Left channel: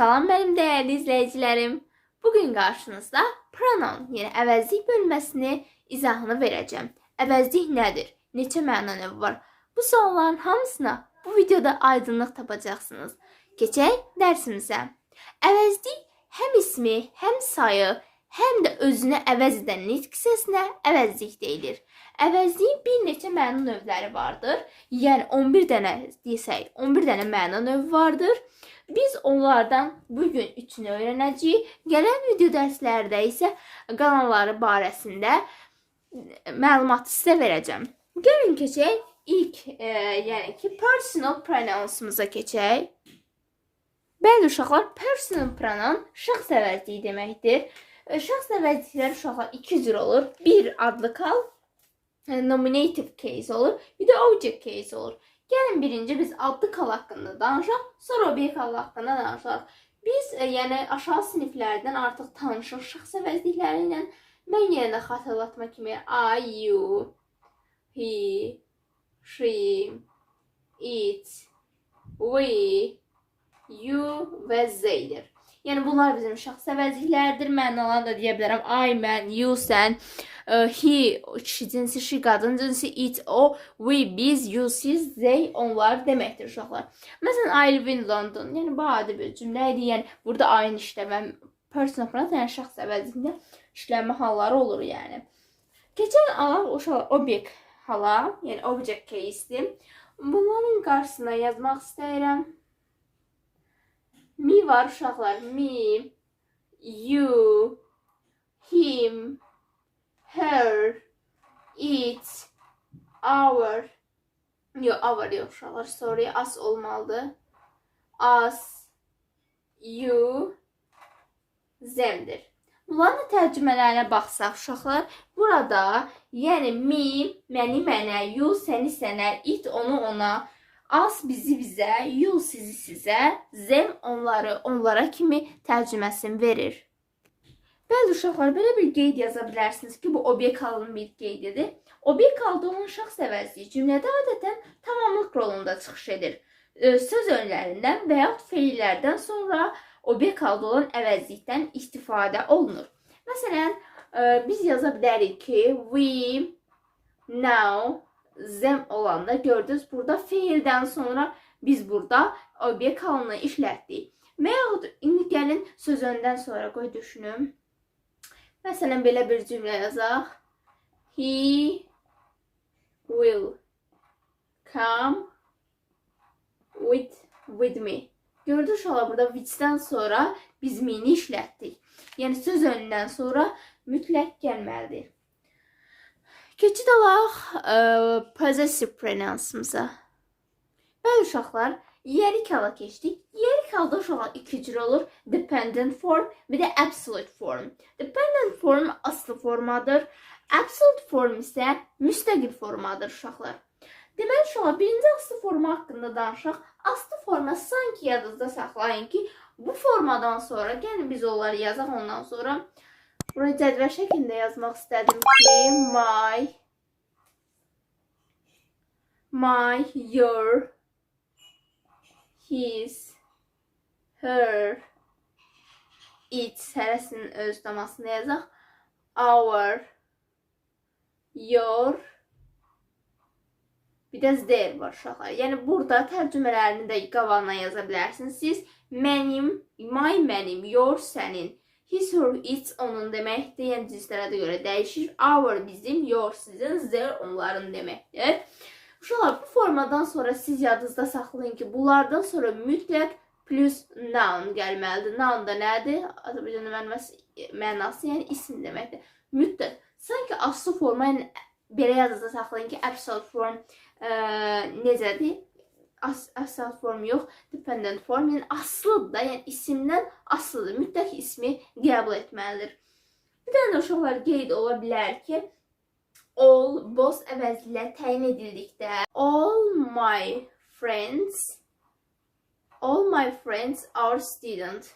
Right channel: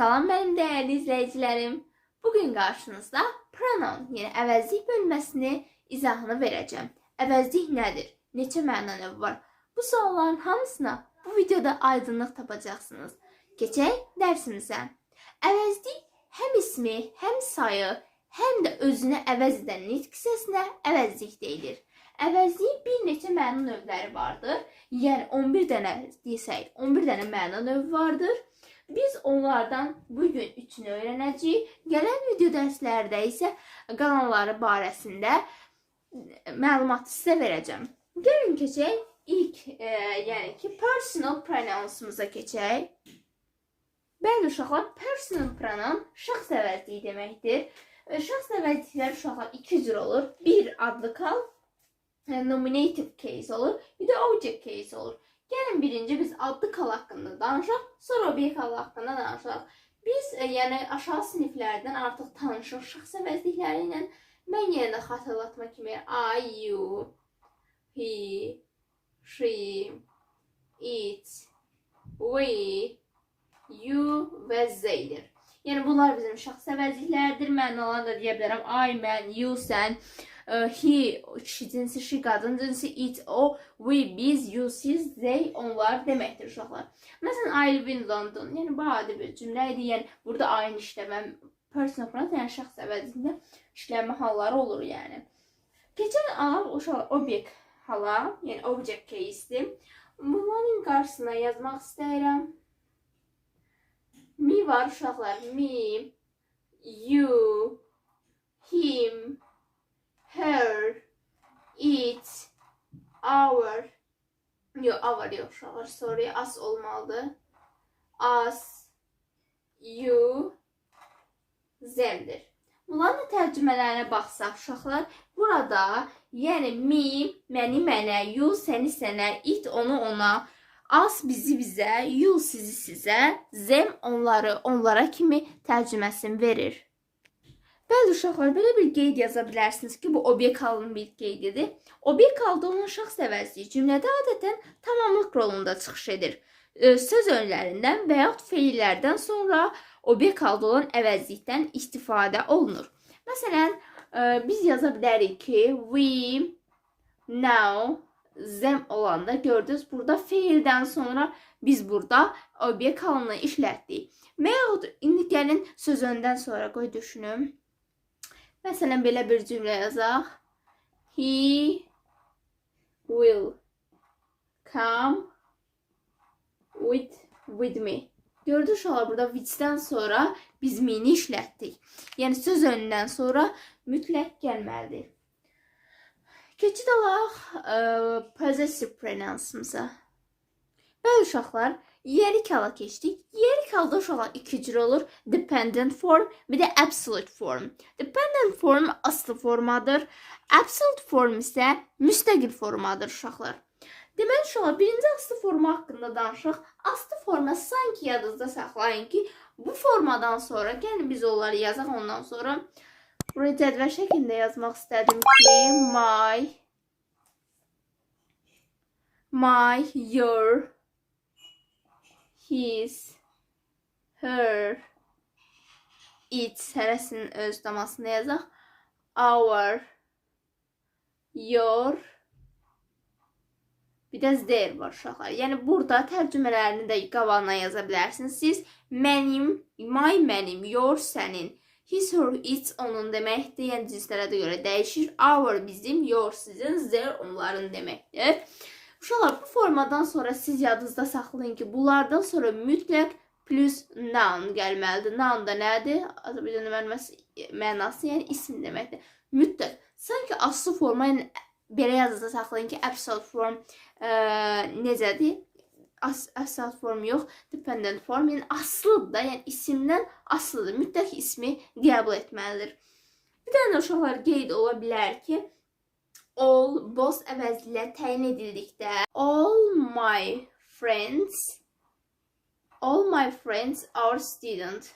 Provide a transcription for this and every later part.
Salam benim değerli izleyicilerim. Bugün karşınızda pronoun yani əvəzlik bölməsini izahını verəcəm. Əvəzlik nədir? Neçə məna növü var? Bu sualların hamısına bu videoda aydınlıq tapacaqsınız. Keçək dərsimizə. Əvəzlik həm ismi, həm sayı, həm də özünə əvəz edən nitq hissəsinə əvəzlik deyilir. Əvəzliyin bir neçə məna növləri vardır. Yəni 11 dənə desək, 11 dənə məna növü vardır. Biz onlardan bugün üçünü öyrənəcəyik. Gələn video dərslərdə isə qalanları barəsində e, məlumat sizə verəcəm. Gəlin keçək ilk, e, yəni ki, personal pronounsumuza keçək. Bəli uşaqlar, personal pronoun şəxs əvəzliyi deməkdir. E, Şəxs əvəzlikləri uşaqlar iki cür olur. Bir adlı kal, e, nominative case olur. Bir de object case olur. Gelin birinci biz adlı kal hakkında danışaq, sonra object kal hakkında danışaq. Biz e, yəni aşağı siniflərdən artıq tanışıq şəxs əvəzlikləri ilə. Mən yenə də kimi I, you, he, she, it, we, you və zeydir. Yəni bunlar bizim şəxs əvəzlikləridir. Mən olan da deyə bilərəm I, mən, you, sən, e, he, kişi cinsi, she, qadın cinsi, it, o, we, biz, you, siz, they, onlar deməkdir uşaqlar. Məsələn, I live in London. Yəni bu adi bir cümlə idi. Yəni burada aynı işləmə personal pronoun, yəni şəxs əvəzində işləmə halları olur yəni. Keçən alaq uşaqlar obyekt hala, yəni object case-dir. Bunların qarşısına yazmaq istəyirəm. Me var uşaqlar. Me, you, him, her, it, our. Yo, our yok uşaqlar. Sorry, as olmalıdır. Us, you, zemdir. Bunların tərcümələrinə baxsaq uşaqlar, burada yəni me, məni mənə, you səni sənə, it onu ona, as bizi bizə, you sizi sizə, zem onları onlara kimi tərcüməsini verir. Bəzi uşaqlar belə bir qeyd yaza bilərsiniz ki, bu obyekt halının bir qeydidir. Obyekt halda olan şəxs əvəzliyi cümlədə adətən tamamlıq rolunda çıxış edir. Söz önlərindən və yaxud feillərdən sonra obyekt olan əvəzlikdən istifadə olunur. Məsələn, biz yaza bilərik ki, we now zem olanda gördünüz burada feildən sonra biz burada obyekt halını işlətdik. Və yaxud indi gəlin söz öndən sonra qoy düşünüm. Məsələn belə bir cümlə yazaq. He will come with with me. Gördünüz uşaqlar burada with-dən sonra biz me-ni işlətdik. Yəni söz önündən sonra mütləq gəlməlidir. Keçid alaq ə, possessive pronounce-umuza. Bəli uşaqlar, yerik hala keçdik. Yerik halda uşaqlar iki cür olur. Dependent form bir de absolute form. Dependent form aslı formadır. Absolute form isə müstəqil formadır uşaqlar. Deməli uşaqlar, birinci aslı forma haqqında danışaq. Aslı forma sanki yadınızda saxlayın ki, bu formadan sonra gəlin biz onları yazaq ondan sonra. Bunu cədvəl şəklində yazmaq istədim ki, my my, your, his, her, it hərəsinin öz damasında yazaq. Our, your, bir də their var uşaqlar. Yəni burada tərcümələrini də qabağına yaza bilərsiniz. Siz mənim, my mənim, your sənin, his, her, it onun deməkdir. Yəni cinslərə də görə dəyişir. Our bizim, your sizin, their onların deməkdir. Uşaqlar bu formadan sonra siz yadınızda saxlayın ki, bunlardan sonra mütləq plus noun gəlməlidir. Noun da nədir? Azərbaycan mənası, mənası yəni isim deməkdir. Mütləq. Sanki aslı forma yəni belə yadınızda saxlayın ki, absolute form ə, necədir? As, asal form yox, dependent form, yəni aslıdır da, yəni isimdən aslıdır. Mütləq ismi qəbul etməlidir. Bir dənə uşaqlar qeyd ola bilər ki, all boss əvəzilə təyin edildikdə all my friends all my friends are student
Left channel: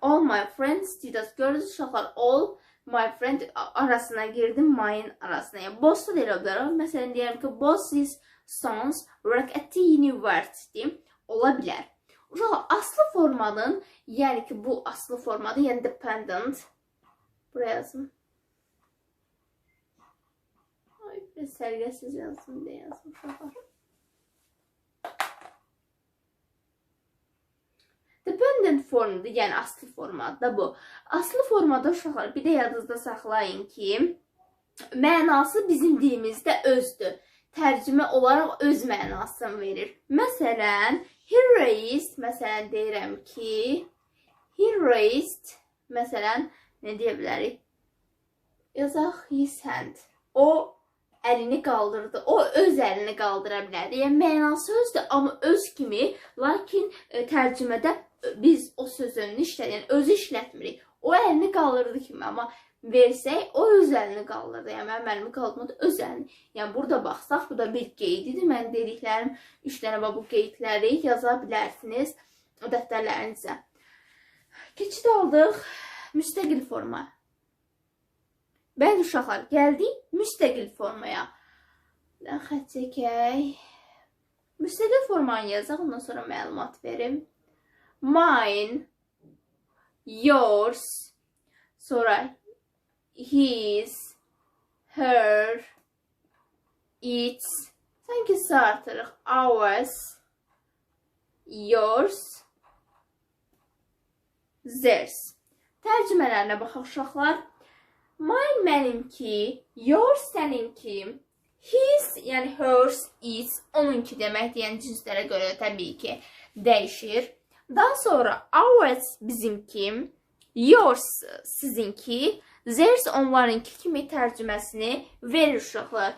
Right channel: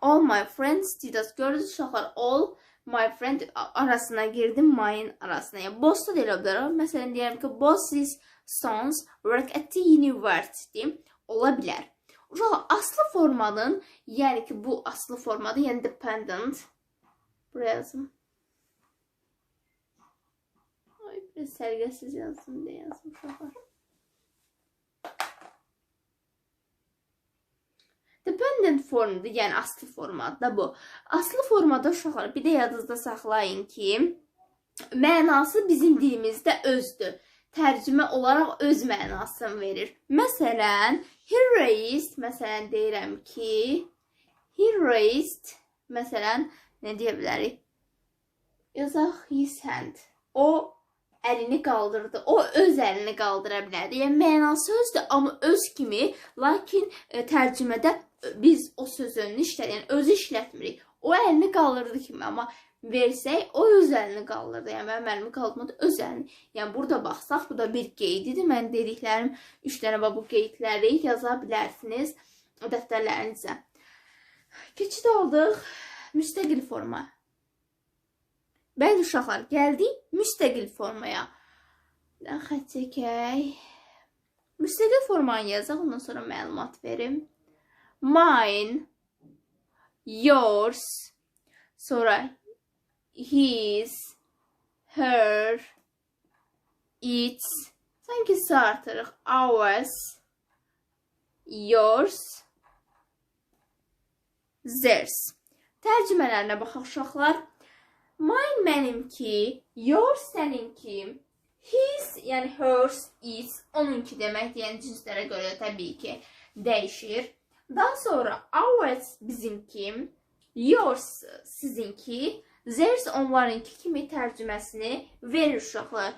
all my friends student gördünüz uşaqlar all my friend arasına girdim my'in arasına. Da elə bilər. Məsələn deyirəm ki boss is sons work at the university ola bilər. Uşaqlar aslı formanın, yəni ki bu aslı formada, yəni dependent buraya yazım. Ay, biraz sərgəsiz yazdım deyə yazdım uşaqlar. Dependent formdur, yəni aslı formada bu. Aslı formada uşaqlar bir də yadınızda saxlayın ki, mənası bizim dilimizdə özdür. Tərcümə olaraq öz mənasını verir. Məsələn, he raised, məsələn deyirəm ki, he raised, məsələn, nə deyə bilərik? Yazaq his hand. O əlini qaldırdı. O öz əlini qaldıra bilər. Yəni mənası özdür, amma öz kimi, lakin e, tərcümədə e, biz o sözünü işlədik, yəni özü işlətmirik. O əlini qaldırdı kimi, amma versək o öz əlini qaldırdı. Yəni mənim əlimi qaldırmadı, öz əlini. Yəni burada baxsaq, bu da bir qeydidir. Mən dediklərim 3 dənə bax bu qeydləri yaza bilərsiniz dəftərlərinizə. Keçid aldıq müstəqil forma. Bəli uşaqlar, gəldik müstəqil formaya. Xətt çəkək. Müstəqil formanı yazaq, ondan sonra məlumat verim. Mine, yours, sonra his, her, its. Sanki artırıq. Ours, yours, theirs. Tərcümələrinə baxaq uşaqlar. Mine mənimki, yours səninki, his yəni hers, its onunki deməkdir. Yəni cinslərə görə təbii ki dəyişir. Daha sonra ours bizimki, yours sizinki, theirs onlarınki kimi tərcüməsini verir uşaqlar.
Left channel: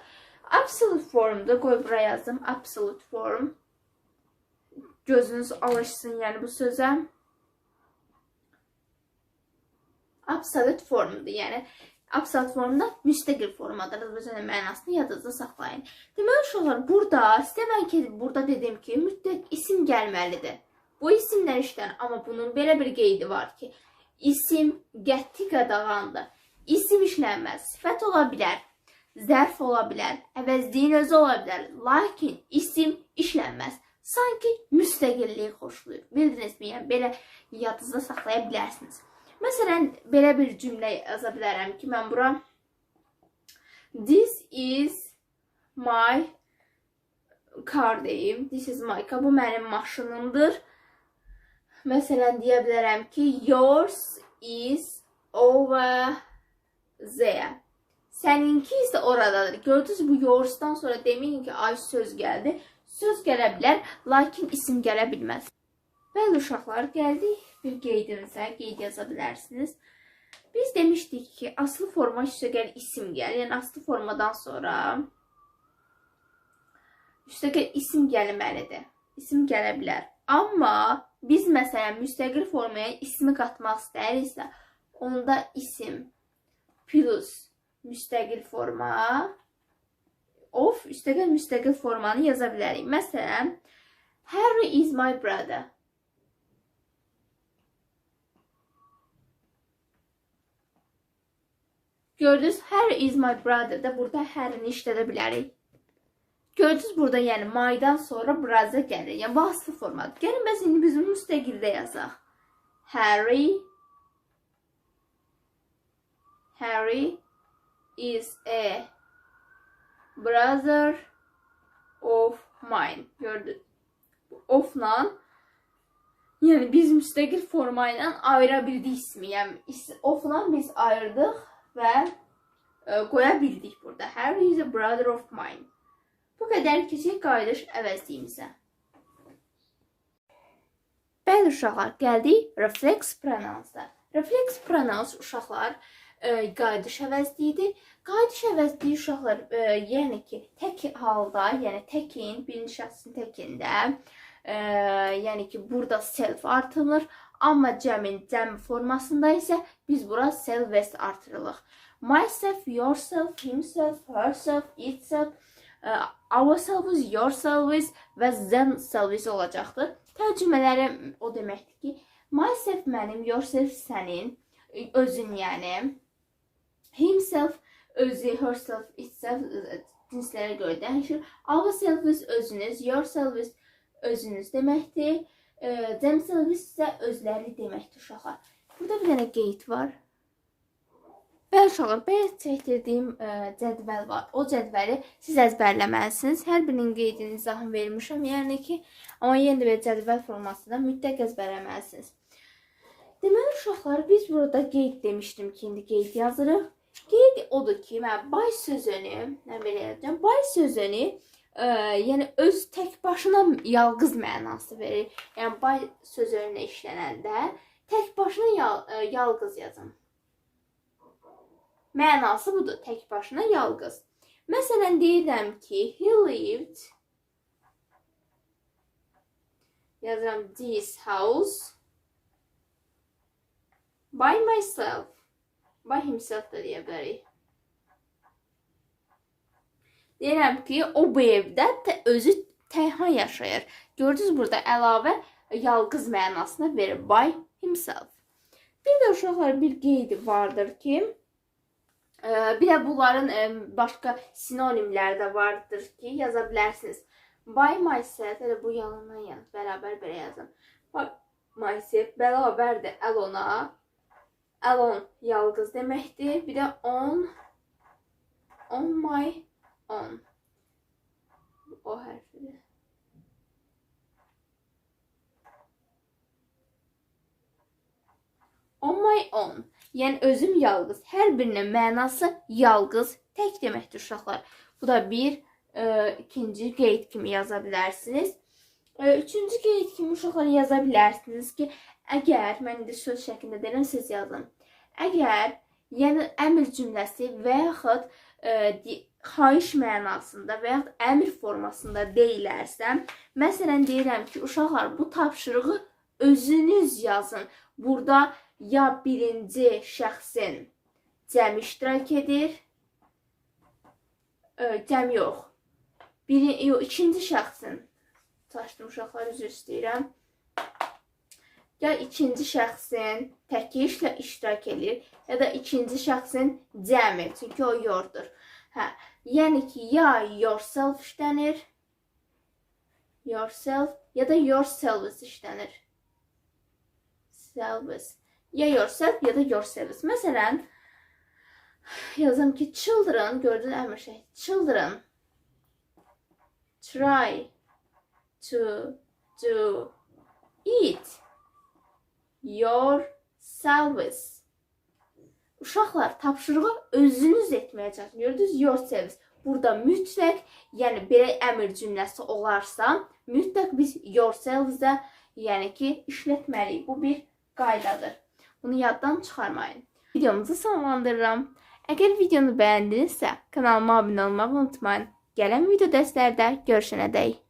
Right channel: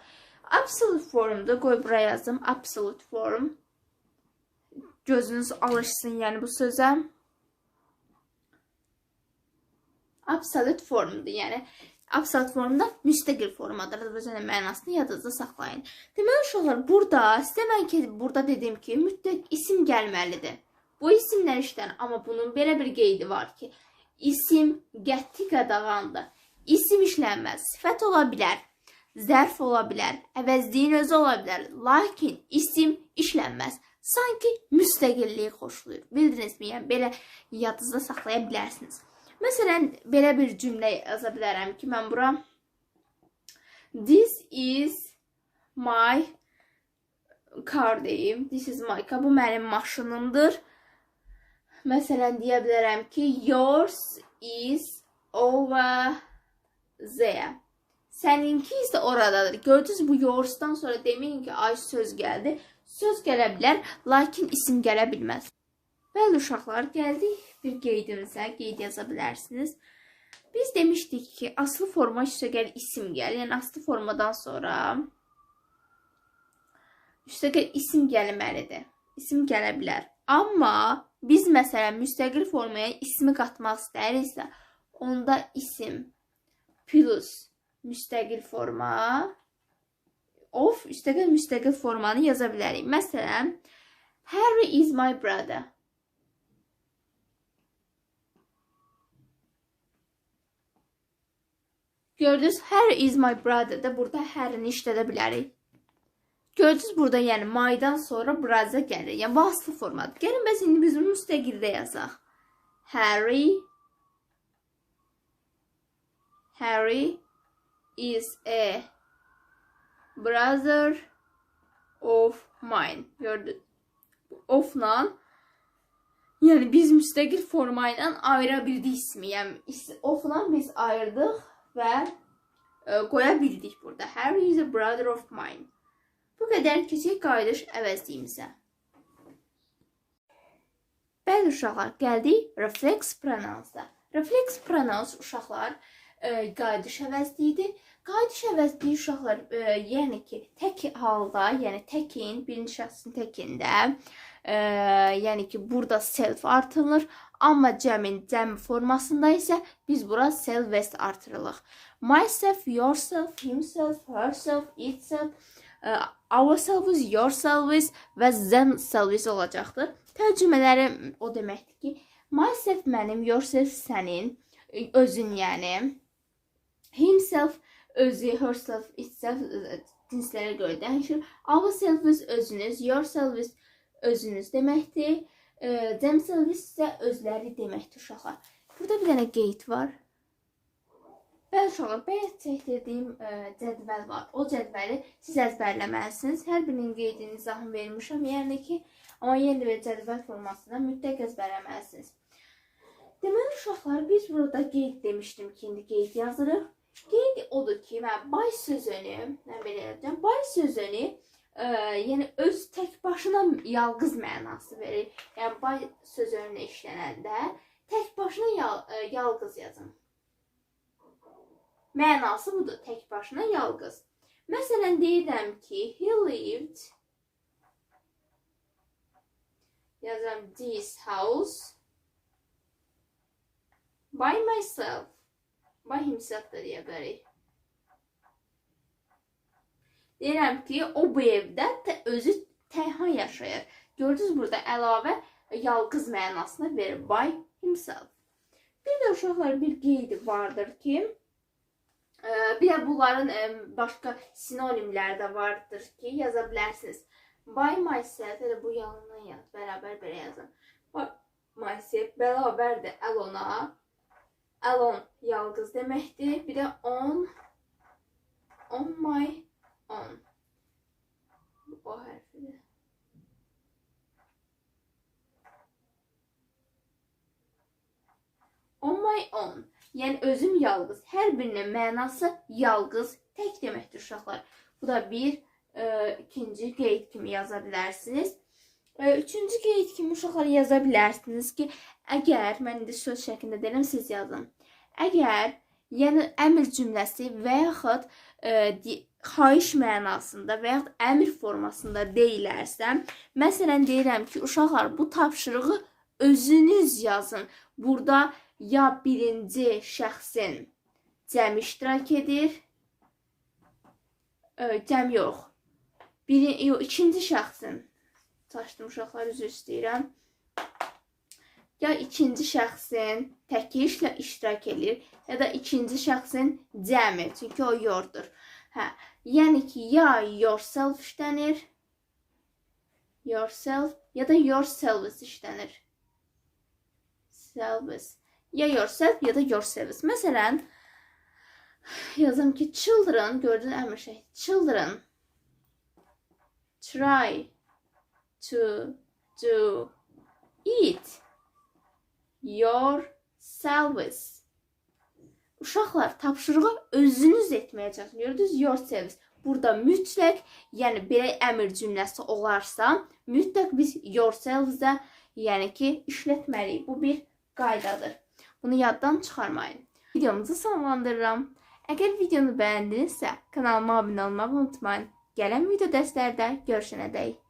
Absolute formda qoy bura yazdım. Absolute form. Gözünüz alışsın yəni bu sözə. Absolute formdur. Yəni absolute formda müstəqil formadır. Özünün mənasını yadınızda saxlayın. Deməli uşaqlar burada istənilən ki burada dedim ki mütləq isim gəlməlidir. Bu isimlər işlənir, amma bunun belə bir qeydi var ki, isim qəti qadağandır. İsim işlənməz. Sifət ola bilər, zərf ola bilər, əvəzliyin özü ola bilər. Lakin isim işlənməz. Sanki müstəqillik xoşlayır. Bildinizmi? Yəni belə yadınızda saxlaya bilərsiniz. Məsələn, belə bir cümlə yaza bilərəm ki, mən bura This is my car deyim. This is my car. Bu mənim maşınımdır. Məsələn, deyə bilərəm ki, yours is over there. Səninki isə oradadır. Gördünüz bu yours'dan sonra deməyin ki, ay söz gəldi. Söz gələ bilər, lakin isim gələ bilməz. Bəli uşaqlar, gəldik bir qeydimizə. Qeyd yaza bilərsiniz. Biz demişdik ki, aslı forma üstəgəl isim gəlir. Yəni aslı formadan sonra üstəgəl isim gəlməlidir. İsim gələ bilər. Amma biz məsələn müstəqil formaya ismi qatmaq istəyiriksə, onda isim plus müstəqil forma of üstəgəl müstəqil formanı yaza bilərik. Məsələn, Harry is my brother. Gördünüz, Harry is my brother da burada Harry'ni işlədə bilərik. Gördünüz burada yəni maydan sonra braza gəlir. Yəni aslı formadır. Gəlin bəs indi biz bunu müstəqildə yazaq. Harry Harry is a brother of mine. Gördünüz. Ofla yəni biz müstəqil forma ilə ayıra bildik ismi. Yəni ofla biz ayırdıq və e, qoya bildik burada. Harry is a brother of mine. Bu qədər keçək qayıdış əvəzliyimizə. Bəli uşaqlar, gəldik reflex pronouns-da. Reflex pronouns uşaqlar e, qayıdış əvəzliyidir. Qayıdış əvəzliyi uşaqlar, e, yəni ki, tək halda, yəni təkin, birinci şəxsin təkində, e, yəni ki, burada self artırılır. Amma cəmin cəm formasında isə biz bura self vest artırırıq. Myself, yourself, himself, herself, itself, e, ourselves, yourselves və themselves olacaqdır. Tərcümələri o deməkdir ki, myself mənim, yourself sənin, özün yəni. Himself özü, herself, itself cinslərə görə dəyişir. Ourselves özünüz, yourselves özünüz deməkdir. E, themselves isə özləri deməkdir uşaqlar. Burada bir dənə qeyd var. Bəli uşaqlar, bayaq çəkdirdiyim ə, cədvəl var. O cədvəli siz əzbərləməlisiniz. Hər birinin qeydini izahını vermişəm. Yəni ki, amma yenə də belə cədvəl formasında mütləq əzbərləməlisiniz. Deməli uşaqlar, biz burada qeyd demişdim ki, indi qeyd yazırıq. Qeyd odur ki, mən bay sözünü, nə belə yazacağam, bay sözünü ə, yəni öz tək başına yalqız mənası verir. Yəni bay sözünə işlənəndə tək başına yal, ə, yalqız yazın. Mənası budur, tək başına yalqız. Məsələn deyirəm ki, he lived yazıram this house by myself. By himself da deyə bilərik. Deyirəm ki, o bu evdə tə, özü tənha yaşayır. Gördünüz burada əlavə yalqız mənasını verir by himself. Bir də uşaqlar bir qeyd vardır ki, e, bir də bunların e, başqa sinonimləri də vardır ki, yaza bilərsiniz. By myself, elə bu yanından yan, bərabər belə yazın. By myself bərabərdir Elona. Elon yalqız deməkdir. Bir də on on my on. O hərfidir. On my own. Yəni özüm yalqız. Hər birinin mənası yalqız, tək deməkdir uşaqlar. Bu da bir e, ikinci qeyd kimi yaza bilərsiniz. E, üçüncü qeyd kimi uşaqlar yaza bilərsiniz ki, əgər mən indi söz şəklində deyirəm, siz yazın. Əgər yəni əmr cümləsi və yaxud e, xahiş mənasında və yaxud əmr formasında deyilərsə, məsələn deyirəm ki, uşaqlar bu tapşırığı özünüz yazın. Burada ya birinci şəxsin cəm iştirak edir, e, cəm yox. Biri, yox, ikinci şəxsin çaşdım uşaqlar üzr istəyirəm. Ya ikinci şəxsin təki işlə iştirak edir, ya da ikinci şəxsin cəmi, çünki o yordur. Hə, yəni ki, ya yourself işlənir, yourself ya da yourselves işlənir. Selves. Ya yourself ya da yourselves. Məsələn, yazım ki, children, gördün əmr şey. Children try to do it yourselves. Uşaqlar, tapşırığı özünüz etməyə çalışın. Gördünüz, yourselves. Burada mütləq, yəni belə əmr cümləsi olarsa, mütləq biz yourselves-də, yəni ki, işlətməliyik. Bu bir qaydadır. Bunu yaddan çıxarmayın. Videomuzu sonlandırıram. Əgər videonu bəyəndinizsə, kanalıma abunə olmağı unutmayın. Gələn video dərslərdə görüşənədək.